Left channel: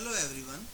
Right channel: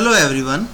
Hello everyone,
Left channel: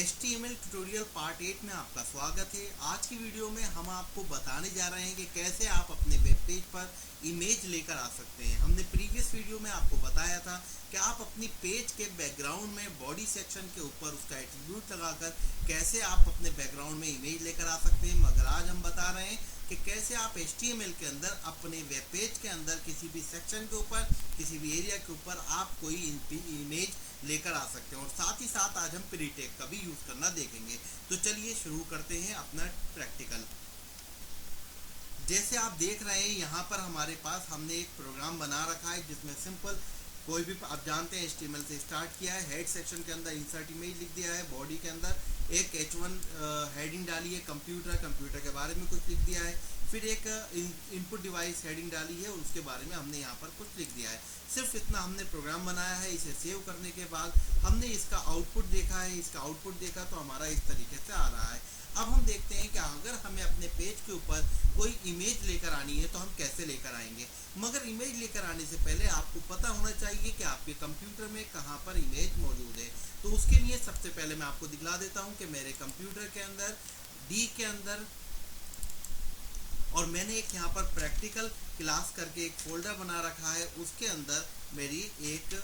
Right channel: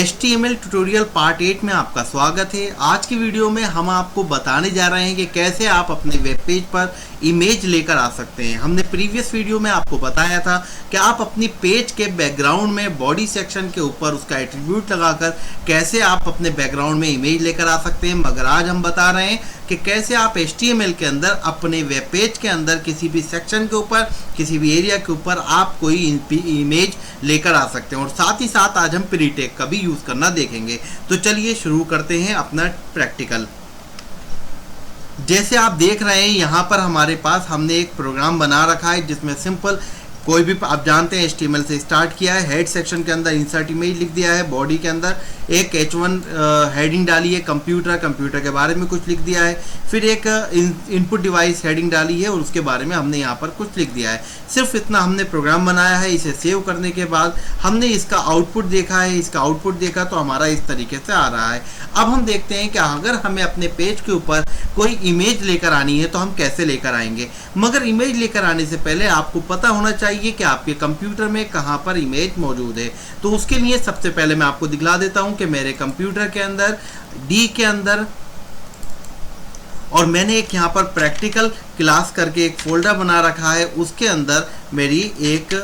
HTML tutorial part 8 में आपका स्वागत है। आज की वीडियो में हम आपको बताने जा रहे हैं कि कैसे आप अपने वेब पेज पर इमेज लेकर आ सकते हैं। हमने प्रीवियस वीडियो में आपको बताया था कि आप अपनी पेज के बैकग्राउंड में बॉडी सेक्शन के ऊपर उसका एट्रीब्यूट लगाकर कैसे आप अपने बैकग्राउंड में इमेज लेकर आ सकते हैं, मगर आज हम बता रहे हैं कि कैसे आप HTML के अंदर अपने वेब पेज के अंदर किसी भी सेक्शन के ऊपर, किसी भी एरिया के ऊपर आप कोई इमेज लेकर आ सकते हैं। और साथ ही साथ आज हम प्री टैग का भी यूज करना देखेंगे। तो चलिए शुरू करते हैं अपना प्रैक्टिकल। जैसे आप देख रहे हैं यहाँ पर हमारे पास हमने एक प्रोग्राम बना रखा है जिसमें सिंपल कोई भी, आप जानते हैं HTML से स्टार्ट किया है। हेड सेक्शन के अंदर इंसर्ट इमेज लिख दिया है, बॉडी के अंदर एक H1 हेडिंग डाली है, कंप्यूटर के बारे में कुछ लिख दिया है, फिर एक इनपुट डिवाइस हेडिंग डाली है और उसके बारे में हमने यहाँ पर कुछ लिख दिया है। सिर्फ इतना हमने प्रोग्राम बनाया है। इसे सेव करने के बाद हमने इसका आउटपुट देखा है। इसका आउटपुट देखा तो हमारा इस तरीके से आ रहा है। अब हम देखते हैं कि अगर हमें अपने पेज के ऊपर कोई इमेज लेकर आनी है तो हम कैसे लेकर आएंगे। मगर इमेज लेकर आने से पहले आपको पता होना चाहिए कि आपके कंप्यूटर में कहाँ पर इमेज मौजूद है। तो उसके लिए सबसे पहले मैं आपको दिखला देता हूँ कि मेरे कंप्यूटर के अंदर डी के अंदर, और मैंने एक यहाँ पर प्रैक्टिकल क्लास करके एक फोल्डर बना रखा है, उसके अंदर मेरी एक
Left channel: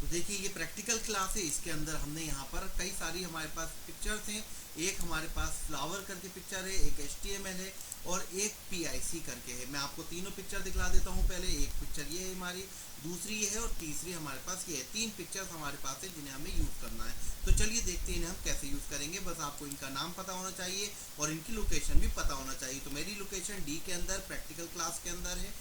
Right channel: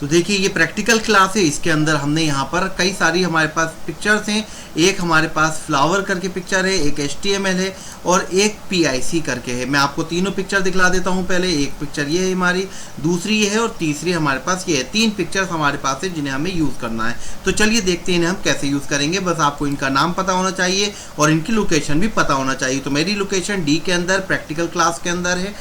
तो देखिए ये प्रैक्टिकल क्लास है। इसके अंदर हमने यहाँ पर कई सारी हमारे पास पिक्चर्स हैं। एक हमारे पास फ्लावर करके पिक्चर है, एक HTML है और एक PIC करके है। मैं आपको तीनों पिक्चर दिखला देता हूँ। पहले एक पिक्चर ये है हमारी, दूसरी ये है और तीसरी हमारे पास ये है। तीन पिक्चर्स हमारे पास है जिन्हें हमें यूज़ करना है। तो चलिए देखते हैं इन्हें हम कैसे यूज़ करेंगे। बस आपको इनका नाम पता होना चाहिए और इनकी लोकेशन भी पता होना चाहिए। तो मेरी लोकेशन डी के अंदर प्रैक्टिकल क्लास के अंदर है,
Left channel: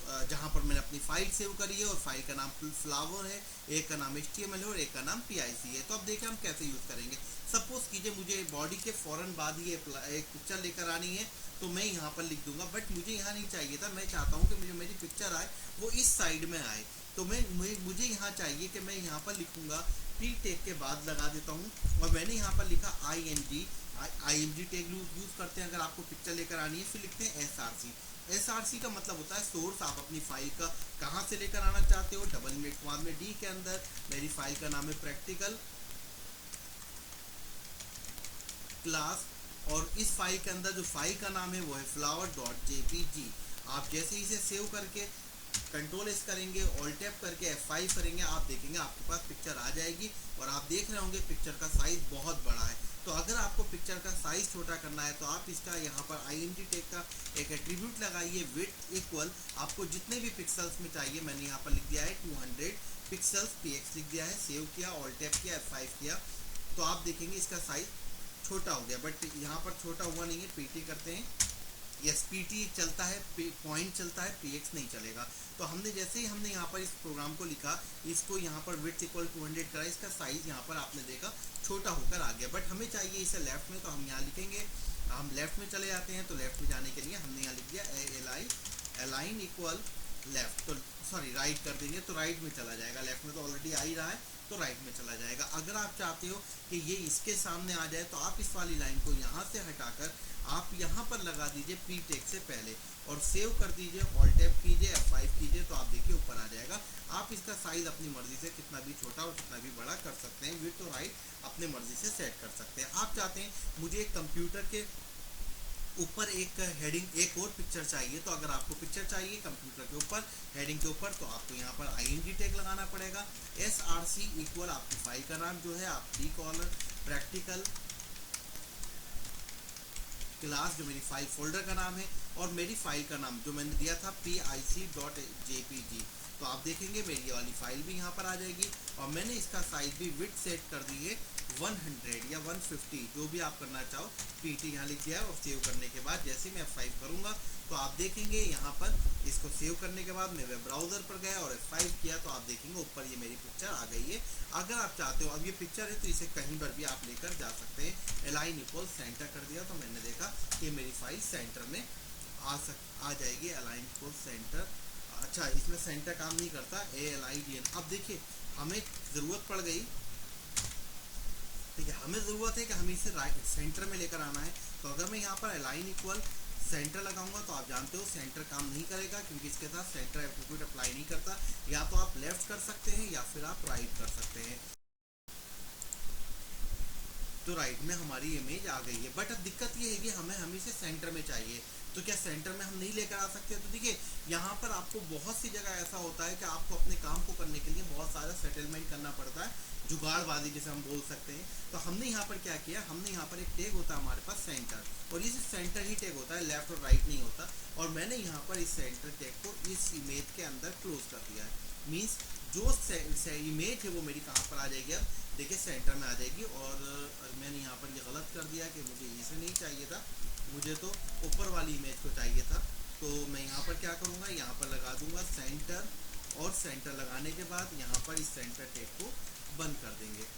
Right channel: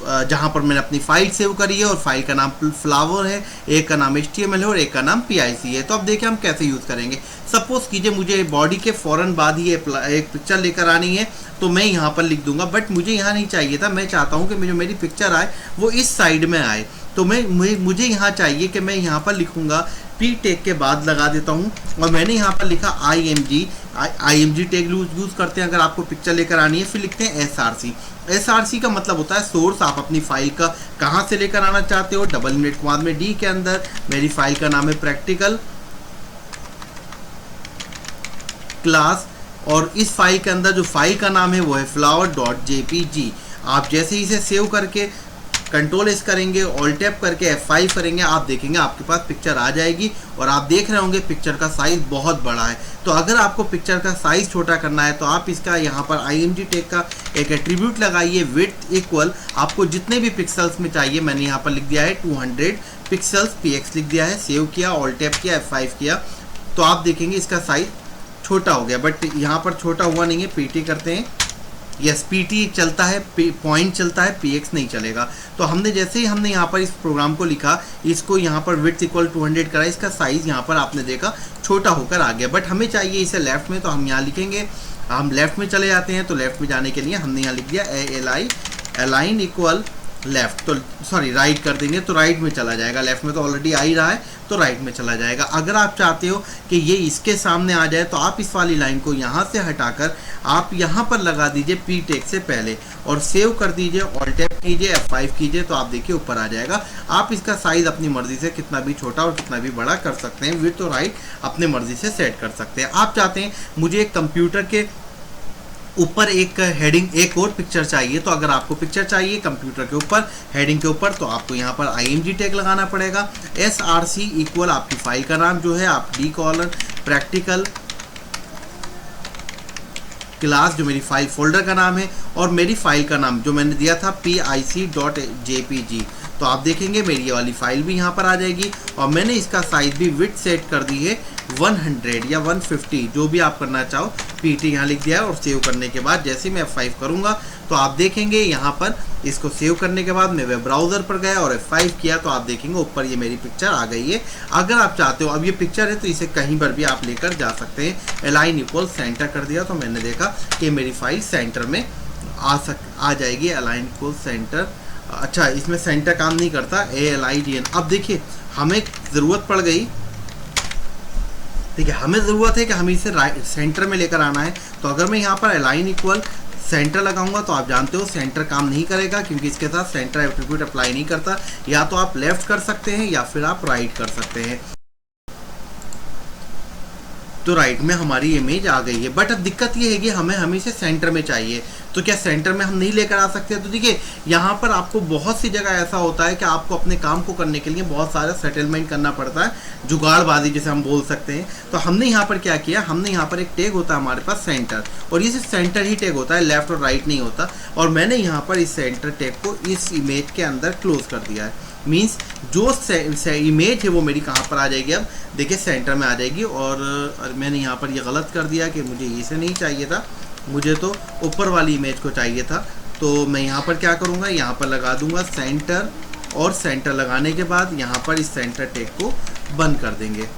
जहाँ पर मैंने अपनी फाइल सेव करी है और फाइल का नाम फ्लावर है, एक का नाम HTML है और एक का नाम PIC है। तो अब देखिए हम कैसे यूज़ करेंगे। सपोज कीजिए मुझे बॉडी के फ़ौरन बाद ही एक पिक्चर लेकर आनी है, तो मैं यहाँ पर लिख दूंगा, बट मुझे यहाँ नहीं चाहिए था। मैं चाहता हूँ कि जो मेरी पिक्चर आए वो इस साइड में आए। तो मुझे यहाँ चाहिए कि मैं यहाँ पर लिखूँगा, P टैग के बाद लगा देता हूँ और मैंने यहाँ पर लिखा IMG टैग यूज़ करते हैं अगर आपको पिक्चर लेकर आनी है। फिर लिखते हैं SRC का मतलब होता है सोर्स। आप अपनी फाइल का कहाँ से लेकर आना चाहते हो। डबल इनवर्टेड कॉमा में डी के अंदर मेरी फाइल का नाम है प्रैक्टिकल क्लास और इस फाइल के अंदर जो फाइल का नाम है वो है flower.jpg। आप जैसे ही इसे सेव करके कंट्रोल-S करेंगे, ऑल्ट टैप करके F5 करेंगे, आप देखेंगे आपके पास पिक्चर आ जाएगी। और आप देख रहे होंगे पिक्चर का साइज़ बहुत बड़ा है। तो अगर आपको पिक्चर का साइज़ छोटा करना है तो आप इसका यहाँ पर IMG टैग का एक एट्रीब्यूट लगाइए, विड्थ इक्वल आपको जितने भी पिक्सल्स में चाहिए। मैंने यहाँ पर लिख दिया है 200 पिक्सल्स, PX लिख दिया है, सेव किया, ऑल्ट टैप किया, F5 किया, तो आप देखेंगे इसका साइज़ छोटा हो गया। बट यहाँ पर छोटा हुआ नहीं है। PT करते हैं, यस PT चलता है, पॉइंट चलता है, PX नहीं चलेगा। तो हमने जैसे ही हमने यहाँ पर इस प्रोग्राम को लिखा, इसको यहाँ पर विड्थ इक्वल 200 करा, इसका साइज़ यहाँ पर आपने देखा छोटा होकर आ गया। बट हमें चाहिए इसे लेफ्ट में, तो हम यहाँ लिखेंगे, हम लेफ्ट में चले जाते हैं। तो लेफ्ट में जाने के लिए हमने यहाँ लिख दिया अलाइन इक्वल लेफ्ट, तो सॉरी राइट कर देंगे तो राइट में चला जाएगा। लेफ्ट में तो ऑलरेडी आ ही रहा है तो राइट में चला जाएगा। अगर आप चाहते हो कि ये इसके सामने आ जाए तो आप इस वाली लाइन को यहाँ से हटाकर आप यहाँ पर लगा दीजिए P टैग से पहले और सेव कर दीजिए, ऑल्ट टैप कीजिए, F5 कीजिए, तो आप देखिए ऊपर आ जाएगा। आप इसका साइज़ अपनी मर्ज़ी से कितना भी छोटा और कितना भी बड़ा कर सकते हैं। विड्थ और हाइट अपनी मर्ज़ी से सेट कर सकते हैं। आप चाहते हैं मुझे एक कंप्यूटर के ऊपर एक हेडिंग, एक और पिक्चर चाहिए, तो अगर आपको पिक्चर चाहिए कंप्यूटर के ऊपर हेडिंग के ऊपर, तो आपको यहाँ पर IMG टैग लगाना पड़ेगा। SRC इक्वल आपकी फाइल का नाम जो है आप डी कॉलन प्रैक्टिकल क्लास, जो मेरी फाइल फोल्डर का नाम है, और मेरी फाइल का नाम जो मैंने दिया था PIC.jpg। तो आप देखेंगे मेरी ये वाली फाइल भी यहाँ पर आ जाएगी। और मैंने इसका साइज़ भी विड्थ सेट कर दी है 100 या 150, जो भी आप करना चाहो। PT यहाँ लिख दिया है और सेव करने के बाद जैसे मैं F5 करूँगा तो आप देखेंगे यहाँ पर इसको सेव करने के बाद मैं वेब ब्राउज़र पर गया और F5 किया तो आप देखेंगे ऊपर ये मेरी पिक्चर आ गई है। अगर आप चाहते हो, अब ये पिक्चर है तो इसे कहीं पर भी आप लेकर जा सकते हैं। अलाइन इक्वल सेंटर कर दिया तो मैंने देखा कि मेरी फाइल सेंटर में आ जाएगी। अलाइन इक्वल सेंटर, अच्छा इसमें सेंटर काम नहीं करता, ALIGN। अब देखिए हमें ज़रूरत पड़ गई, ठीक है, हमें ज़रूरत है कि हमें इसे राइट सेंटर में लेकर आना है। तो अगर मैं यहाँ पर अलाइन इक्वल सेंटर लगाऊंगा तो आप जानते हो सेंटर काम नहीं करेगा, क्योंकि इसके साथ सेंटर एट्रीब्यूट अप्लाई नहीं करता। या तो आप लेफ्ट कर सकते हैं या फिर आप राइट कर सकते हैं। तो राइट में हमारी इमेज आ गई है, बट अब दिक्कत ये है कि हमें हमेशा सेंटर में चाहिए। तो क्या सेंटर में हम नहीं लेकर आ सकते? तो देखिए यहाँ पर आपको बहुत सी जगह ऐसा होता है कि आपको अपने काम को करने के लिए बहुत सारा सेटलमेंट करना पड़ता है, जुगाड़बाजी जिसे हम बोल सकते हैं। तो हमने यहाँ पर क्या किया, हमने यहाँ पर एक टैग होता है हमारे पास सेंटर, और ये सिर्फ सेंटर ही टैग होता है, लेफ्ट और राइट नहीं होता। और मैंने यहाँ पर इस सेंटर टैग को इस इमेज के अंदर क्लोज कर दिया है। मीन्स जो इमेज है वो मेरी कहाँ पर आ जाएगी, अब देखिए सेंटर में आ जाएगी। और मैंने यहाँ पर ये गलत कर दिया कि मुझे इसे नहीं चाहिए था, मुझे तो ऊपर वाली इमेज को चाहिए था। तो मैं यहाँ पर क्या करूँगा, यहाँ पर लगा दूँगा सेंटर, और सेंटर लगाने के बाद यहाँ पर इस सेंटर टैग को बंद कर देंगे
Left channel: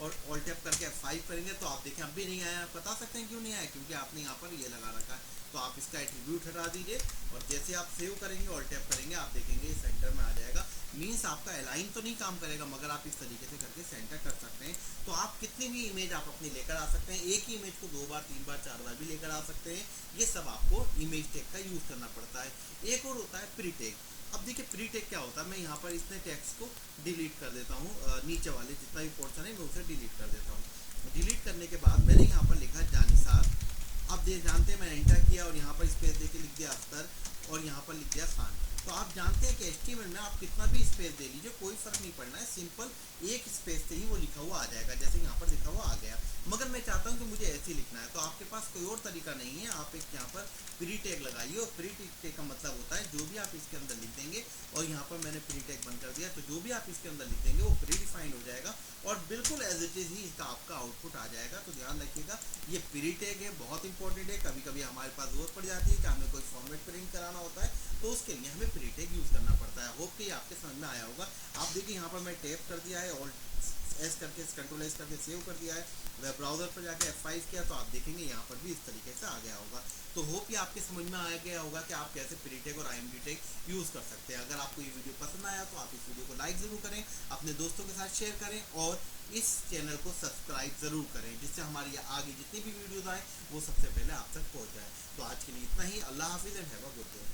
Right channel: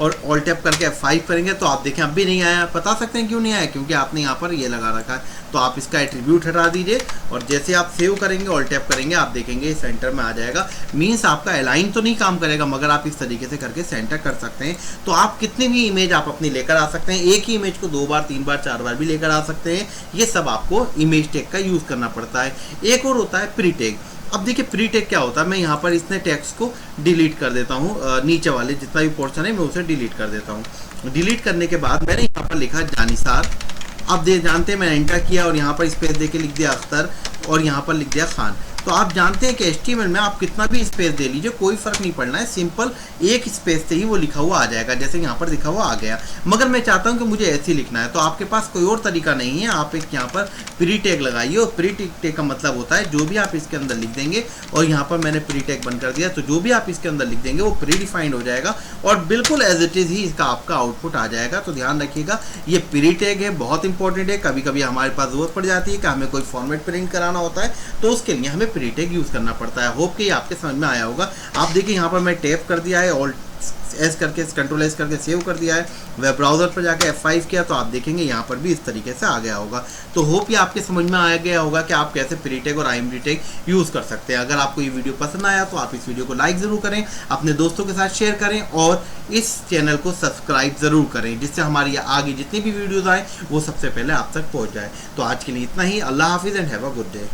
और ऑल टैप करके F5 करेंगे। तो आप देखें अब भी नहीं आया। बता सकते हैं क्यों नहीं आया, क्योंकि आपने यहाँ पर ये लगा रखा है। तो आप इसका एट्रीब्यूट हटा दीजिए, और जैसे आप सेव करेंगे, ऑल टैप करेंगे, आप देखेंगे सेंटर में आ जाएगा। मीन्स आपका अलाइन तो नहीं काम करेगा, मगर आप इस तरीके से करके सेंटर कर सकते हैं। तो आप कितनी भी इमेज आप अपनी लेकर आ सकते हैं, एक ही इमेज को 2 बार 3 बार 4 बार भी लेकर आ सकते हैं। ये सब आपको इमेज टैग का यूज़ करना पड़ता है। एक और होता है प्री टैग। अब देखिए प्री टैग क्या होता है, मैं यहाँ पर इसने टेक्स्ट को डिलीट कर देता हूँ, नीचे वाले जितना भी पोर्शन है मैं उसे डिलीट कर देता हूँ। डिलीट करने के बाद मैंने यहाँ पर लिखा जानिसार। अब जानते हैं मैंने एंटर किया और यहाँ पर स्पेस दे के लिख दिया अख्तर, और यहाँ पर लिख दिया खान। तो आप जानते हैं कि HTML में आप कितना भी स्पेस दे लीजिए, कोई फ़र्क नहीं पड़ना है, सिंपल एक स्पेस से ही वो लिखा हुआ आ जाएगा। जैसे यहाँ पर लिखा हुआ आ गया, मगर मैं चाहता हूँ कि मुझे ऐसे ही लिखना है। तो आपके पास कोई और तरीका नहीं है, आप एक यहाँ पर प्री टैग लगाइए। और प्री टैग का मतलब होता है जो भी आप इसके अंदर लिख देंगे, और यहाँ पर मैंने प्री टैग बंद कर दिया, तो जो भी आप इसके अंदर लिख देंगे वो प्री डिफाइंड हो जाएगा, और बिल्कुल एज इट इज़ ही इसका आपका आउटपुट आ जाएगा। तो ध्यान रखिएगा, ये प्री टैग है, बहुत इंपॉर्टेंट है। कभी कभी हमारे पास जरूरत पड़ जाती है कि हमें कोई फॉर्मेट प्रिंट कराना होता है, तो उसके लिए हमें प्री टैग यूज़ करना पड़ता है। होप कि आपके समझ में आया होगा। आप देखिए यहाँ पर मैं टैप कर दिया है, ऑल्ट एस करके कंट्रोल एस करके सेव कर दिया है, वेब ब्राउज़र पर जाके F5 किया, तो आप देखेंगे यहाँ पर भी इस तरीके से आ गया होगा। तो होप ये आपके समझ में आ गया होगा कि आप कैसे प्री टैग और IMG टैग यूज़ कर सकते हैं। अगर आपको ये वीडियो पसंद आया तो आप इस वीडियो को लाइक ज़रूर करें, अपने दोस्तों के साथ शेयर करें, और इस चैनल को सब्सक्राइब ज़रूर करें, जिससे हमारी आगे जितनी भी वीडियोज़ आए वो सबसे पहले आप तक पहुँच जाए। तो आज के लिए इतना ही। अल्लाह हाफिज़ and have a good day.